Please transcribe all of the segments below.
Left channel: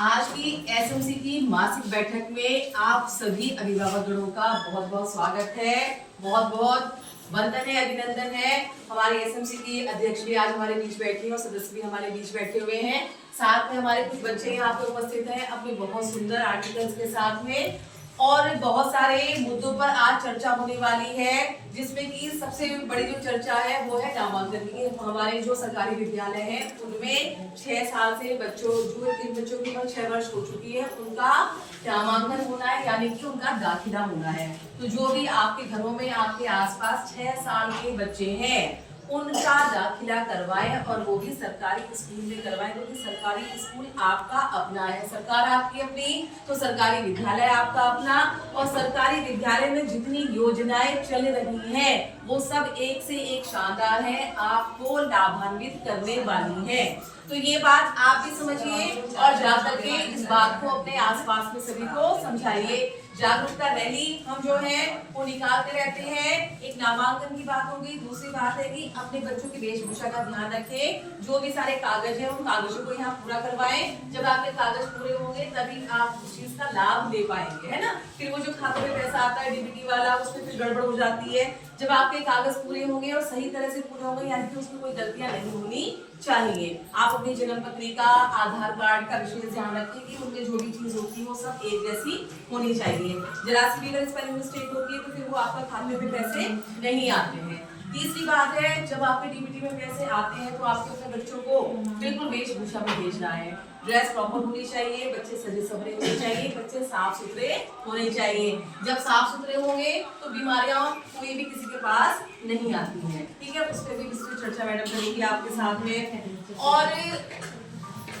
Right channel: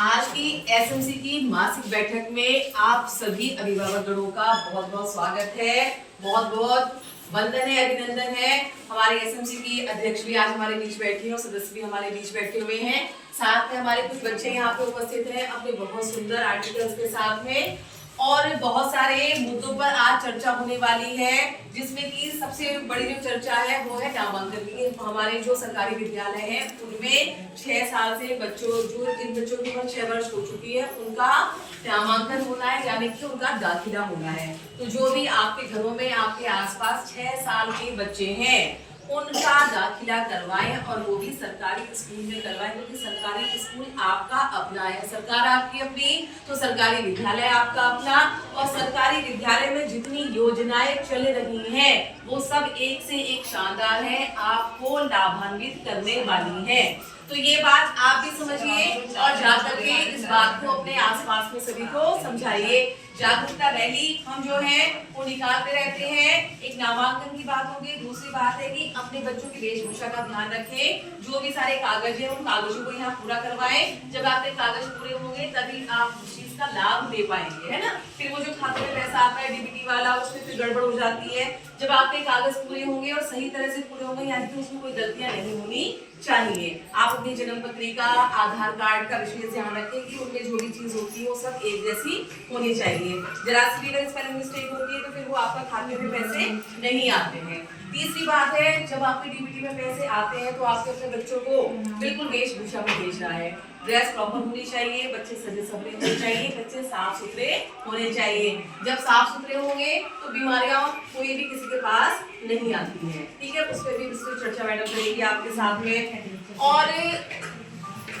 आज की एसएमसी की मासिक बैठक में आप सभी अभिभावकगणों का बहुत बहुत स्वागत है। बहुत बहुत वंदन है, अभिनंदन है। हमारे एसएमसी की अध्यक्ष भी आज हमारे बीच बैठे हैं और सदस्य भी हमारे बीच बैठे हुए हैं। साथ में हमारे कुछ बच्चे यहाँ पे उपस्थित हैं अपने बहुत सुंदर आर्टिकल्स के साथ में, और बहुत सारे मुद्दों पर आज चर्चा होने वाली है, जिसमें कि सबसे बड़ी जो चर्चा है वो है नामांकन की। हमारे जो सरकारी विद्यालय हैं उनमें 6 साल से बच्चों जिन बच्चों की उम्र 6 वर्ष हो चुकी है उनका नामांकन होना है, यानी कि उनका दाखिला होना है। तो जो भी आपके घरों में आपके आसपास 6 साल के बच्चे हैं उनका दाखिला करवाएं, और वो भी सरकारी स्कूल में करवाएं, क्योंकि सरकारी स्कूल आपका अपना है, सरकार आपकी अपनी, तो सरकारी विद्यालय आपका अपना। और सरकारी विद्यालय में जितनी योजनाएं चल रही हैं वो सब एक से एक शानदार है, आपको लाभान्वित करने वाली है। तो ये बात आप भी समझिए और जाकर के इस बात को अपने आसपास में सभी को समझाइए। जागरूकता रैली हम जो है वो निकालते रहते हैं। एक नामांकन की बात होगी, दूसरी बात है कि अपने बच्चों की वेशभूषा का ध्यान रखें। जो भी सारे कागज हैं उन कागजों को यहाँ पूरा करवाएं। जब आपके कागज पूरे होंगे तभी आप उस चीज का लाभ ले पाएंगे, है ना। फिर वो जो खाते में पैसा आता है डीबीटी वाला, उसमें फिर गड़बड़ हो जाती है। जब आपके कागज पूरे होंगे और सही तरह से पूरे होंगे, यानी कि उसमें कोई गलतियां नहीं होनी चाहिए। आप अपनी जन्म पत्रिका, आधार कार्ड का विशेष ध्यान रखें कि उनमें जो भी चीज होती है वो सब एक जैसी होनी चाहिए। जरा सी भी अगर स्पेलिंग मिस्टेक होती है तो फिर वो आपका खाते में पैसे नहीं आते हैं। तीसरी बात है, जब आपके डीबीटी में पैसे आते हैं तो आपके अपने बच्चों को बिल्कुल वेशभूषा में भेजना है। ड्रेस प्रॉपर होनी चाहिए, बच्चे सजे सवरे होने चाहिए, बच्चे साफ सुथरे होने चाहिए। जब साफ सुथरे होंगे तो बीमारियां कोई भी किसी के पास नहीं आती हैं। ठीक है, उस पर भी विस्तृत चर्चा मैडम करेंगी आपके साथ में। और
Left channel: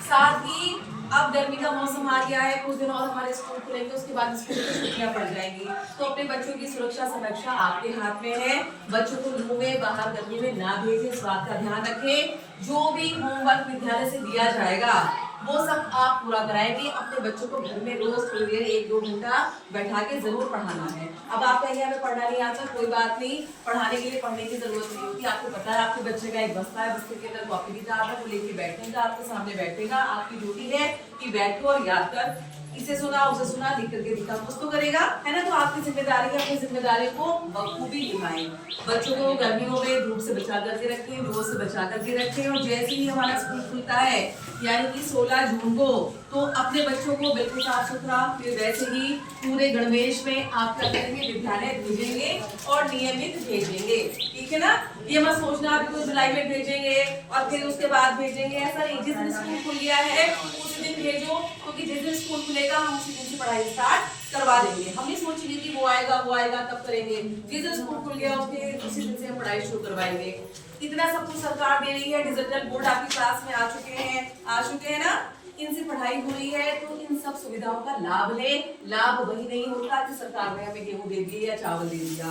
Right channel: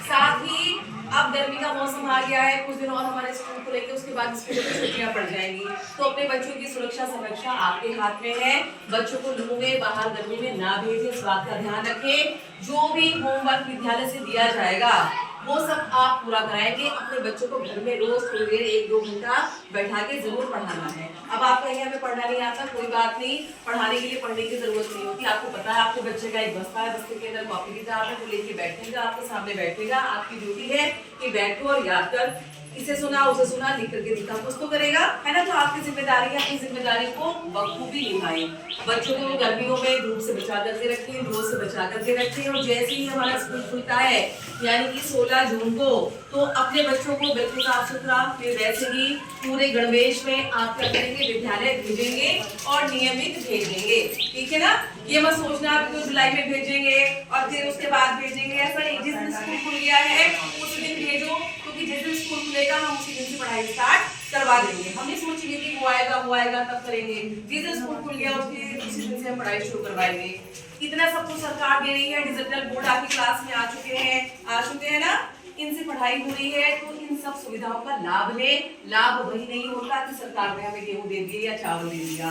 साथ ही अब गर्मी का मौसम आ गया है, कुछ दिन और हमारे स्कूल खुलेंगे, उसके बाद स्कूल की छुट्टियां पड़ जाएंगी। तो अपने बच्चों की सुरक्षा संरक्षा आपके हाथ में है। बच्चों को लू में बाहर गर्मी में ना भेजें, इस बात का ध्यान रखें। जो भी होमवर्क विद्यालय से दिया जाएगा वो सब आप पूरा कराएंगे। अपने बच्चों को घर में रोज थोड़ी देर 1-2 घंटा बैठा के जरूर पढ़ाना है। अब आप कहेंगे हमें पढ़ना नहीं आता, कोई बात नहीं, पढ़ाने के लिए पढ़ने की जरूरत नहीं होती। आपको पता है आपके बच्चे का एक बस्ता है, बस्ते के अंदर कॉपी किताब है, वो लेके बैठेगा, आपके सामने बैठेगा। आपकी ड्यूटी है कि बैठो और याद कर, इसे सुना उसे सुना, लिख करके दिखा, कुछ तो करेगा, है ना। तो आपकी जिम्मेदारी है अपनी जिम्मेदारी को बखूबी निभाएं। बच्चों को गर्मियों में धूप से बचा करके रखें, रोज से बचा करके रखें। और जैसे ही हमारा स्कूल खुलता है यानी कि 16 जून को, तो अपने बच्चों को बिल्कुल साफ सुथरा, फिर वैसे ही पूरे गणवेश में आप क्या करेंगे, विद्यालय भेजेंगे और नियमित भेजेंगे। ठीक है ना। ये मत सोचना अभी तो जुलाई में भेजेंगे और फिर उसके बाद भेजेंगे, ऐसा नहीं। जिस दिन स्कूल खुल गया है उस दिन भेजो, क्योंकि जिस दिन स्कूल खुलेगा हम उसी दिन से पढ़ाई स्टार्ट करवा देंगे। हम नहीं सोचेंगे कि वो आएगा तब करेंगे। जिस दिन स्कूल खुल गया उसके उसी दिन से हम पढ़ाई शुरू करवाएंगे। इतना सब कुछ सरकार दे रही है। डिजिटल बोर्ड आपकी क्लास में आ चुके हैं ना। इनसे पढ़ाई हो रही है, तो इन सब सुविधाओं का लाभ ले। लाभ वही नहीं होता कि सरकार ने हमें गेहूं दे दिया या चावल दे दिया।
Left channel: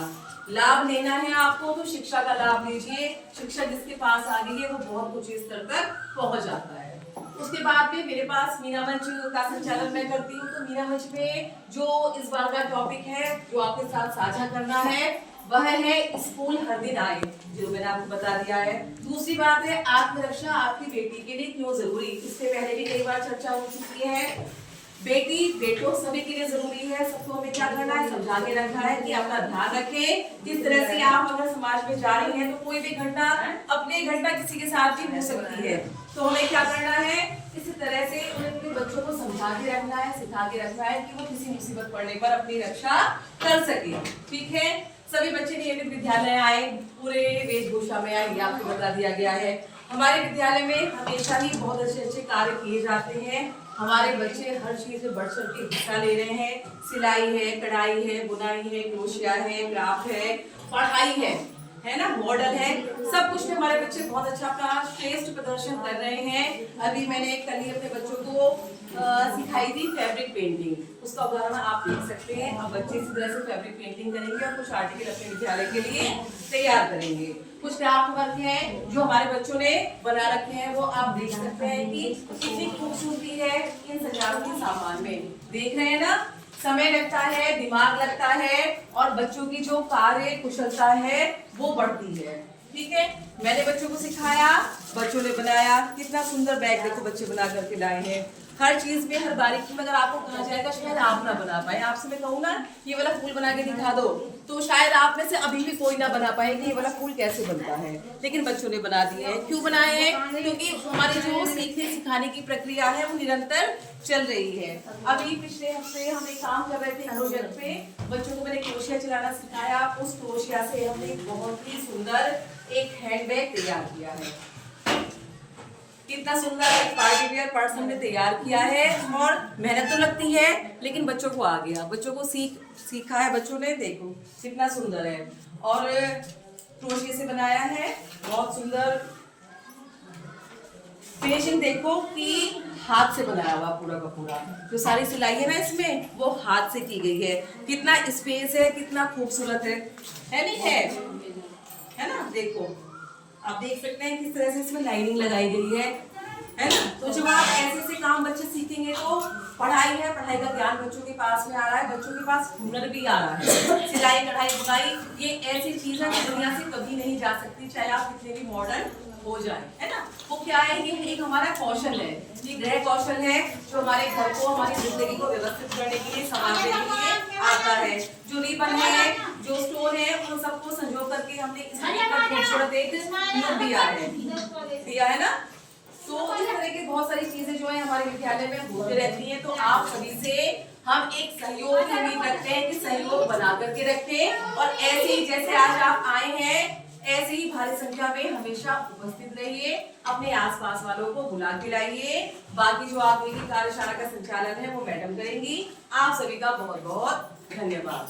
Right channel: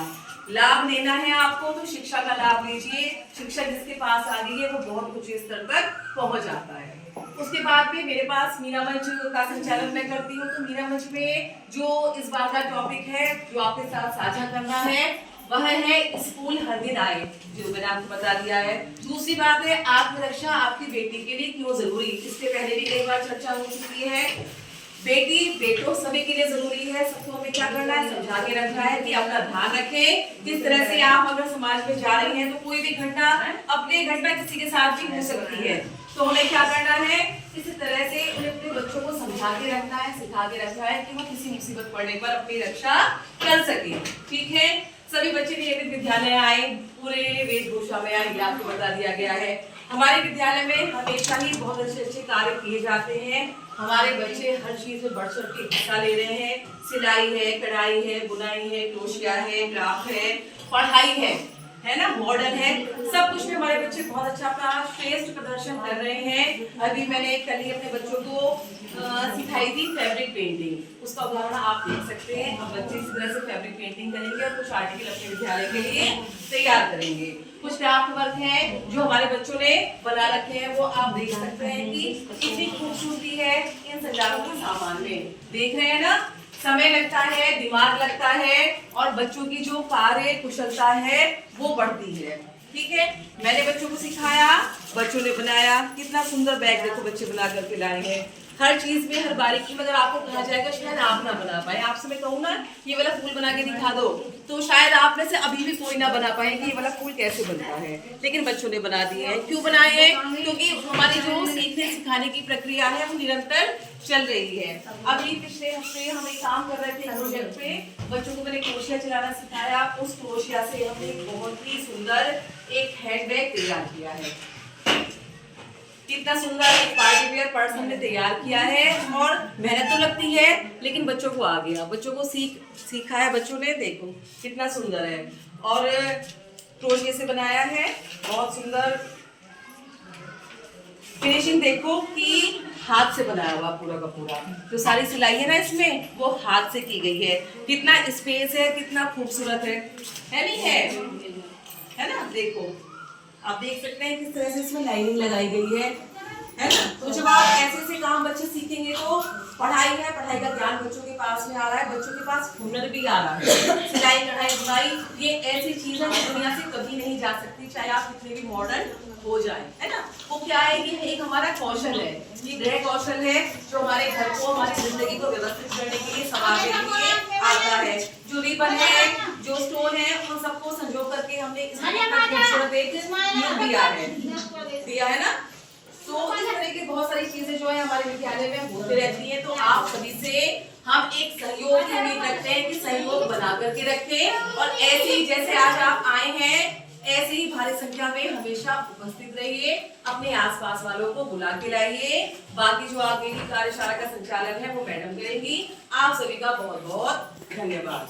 लाभ लेना है आपको तो शिक्षा का लाभ लीजिए। शिक्षा जिसके पास आ गई है वो बहुत कुछ स्तर तक पहुंच जाता है। उसके बाद में मेरे पास मीना मंच का संचालन मैं करती हूँ। तो मीना मंच में जो इस बार का टॉपिक है जो आपके साथ साझा करना है वह है स्कूल हर दिन आए, जो मैंने आपको बता दिया है। दूसरी बात है आत्मरक्षा आपकी बेटी के लिए क्यों जरूरी। इससे पहले भी कई बार चर्चा हो चुकी है। बेटी बेटों सभी के लिए जरूरी है। सबको हमें क्या करना है, समझा के रखना है कि अपना ध्यान रखें। किस तरह से आप अगर समाज में जा रही हैं तो कोई भी घटना अपने घटना किसी के साथ भी हो सकती है, तो हमें क्या करना है, इसी तरह से उन्हें अपने बच्चों को समझा के रखना है, सिखा के रखना है कि वो किसी मुसीबत पड़ने पर अपनी रक्षा कर सके। ठीक है। सभी बच्चे नियमित विद्यालय आए, पूरे वेशभूषा में आए, ये आपको बता दिया गया है। हमारे विद्यालय में हमेशा ही बहुत अच्छे कार्य किए जाते हैं। हमारे बच्चे हर चीज में बढ़ चढ़ के हिस्सा ले रहे हैं। सिलाई है, कढ़ाई है, बुनाई है, क्रोशिया है, क्राफ्ट है, पढ़ाई है ना, मॉडल है, सब कुछ में हमारे बच्चे बहुत अच्छा अपना श्रेष्ठ प्रदर्शन कर रहे हैं। अभी मैंने कल ही अपने बच्चों को सिखाई थी फैब्रिक पेंटिंग, उसका उदाहरण आप देख सकते हैं। अब बच्चे इस तरह से फैब्रिक पेंटिंग करेंगे और कुछ आर्टिकल अपने विद्यालय के लिए तैयार करेंगे। कुछ क्राफ्ट वर्क है जो हमारे बच्चों ने बना रखे हैं, वो आप देख सकते हैं कि कितनी खूबसूरती है इन संचालकों के सामान में। देख रहे हैं ना, समय लगता है, दिमाग लगता है, और बच्चों की जो कार्य कुशलता है वो बढ़ती है। ठीक है, मैंने बच्चों को सिखाया, बच्चों ने बनाया। कितना सुंदर बैग देखो बच्चे बना करके लाए हैं। हर चीज में हर बारीकी में अगर आपको कहा जाएगा शायद आप ना बना पाए। आपसे मैं कहूँ ना ये वाला फूल बना के दिखा दो तो शायद आप में से अभी भी कोई ना बना पाए कि ये वाला फूल कैसे बनता है, लेकिन बच्चों ने बना दिए हैं। क्यों बनाए हैं? क्योंकि हमारी जो सीखने सिखाने की प्रक्रिया है वो निरंतर चल रही है। अभी पिछले हफ्ते हम एक काम कर रहे थे प्रोजेक्ट पे, बच्चों को मैंने क्रोशिया चलाना सिखाया। उस क्रोशिया से हमने बहुत ही सुंदर एक हैंडबैग तैयार किया है। कितना सुंदर एक पार्टी वेयर पर्स हमने तैयार किया है। और मेहनत तो लगती है लेकिन बच्चों को आ गया, बच्चों को सीखा है बच्चों ने, देखो कितना सुंदर है। और क्रोशिया से बनाया है, बहुत सुंदर फिनिशिंग देखो कि हाथ से बनाया हुआ पूरा का पूरा। जो सारी सिलाई है ना इसमें वो हाथ से की गई है। कितना स्पेस है, कितना खूबसूरत है नहीं है ना? देखो आप देख सकते हैं किस तरह से इसमें लाइनिंग लगाई गई है ना? तो जब आप ऐसे ऐसे काम बच्चे सीखेंगे तो पढ़ाई है, पढ़ाई का ज्ञान बच्चों के पास में आ रहा है, बच्चों के पास हुनर भी आ रहा है। सिलाई कढ़ाई बुनाई ये ऐसी चीज है जो दुनिया से कभी नहीं जा सकती, चाहे आप कितने भी मॉडर्न हो जाए, है ना? वो क्या है? ये एक हमारा कौशल है, ये गृह कौशल है जो हमारे घर को, हमारी जिंदगी को व्यवस्थित करने के लिए, संभालने के लिए आता है। जो रिबन है, जो स्टोन है, उन सबको संजो करके हमने इसमें खूबसूरत एक लुक दिया है ना? तो इस तरह की बहुत सारी चीजें जो है हमारे विद्यालय में होती रहती है। तो आप सभी से हम एक सहयोग की उम्मीद रखते हैं कि सहयोग बना करके रखें और ऐसे ही जैसे आज आप आए हैं ऐसे ही भारी संख्या में हमेशा उपस्थित रहिए। अपने आसपास वालों को बुला के लाइए। बाकी जो आगे की कार्यशाला का संचालन है वो मैडम करेंगी। आप सभी का बहुत बहुत धन्यवाद।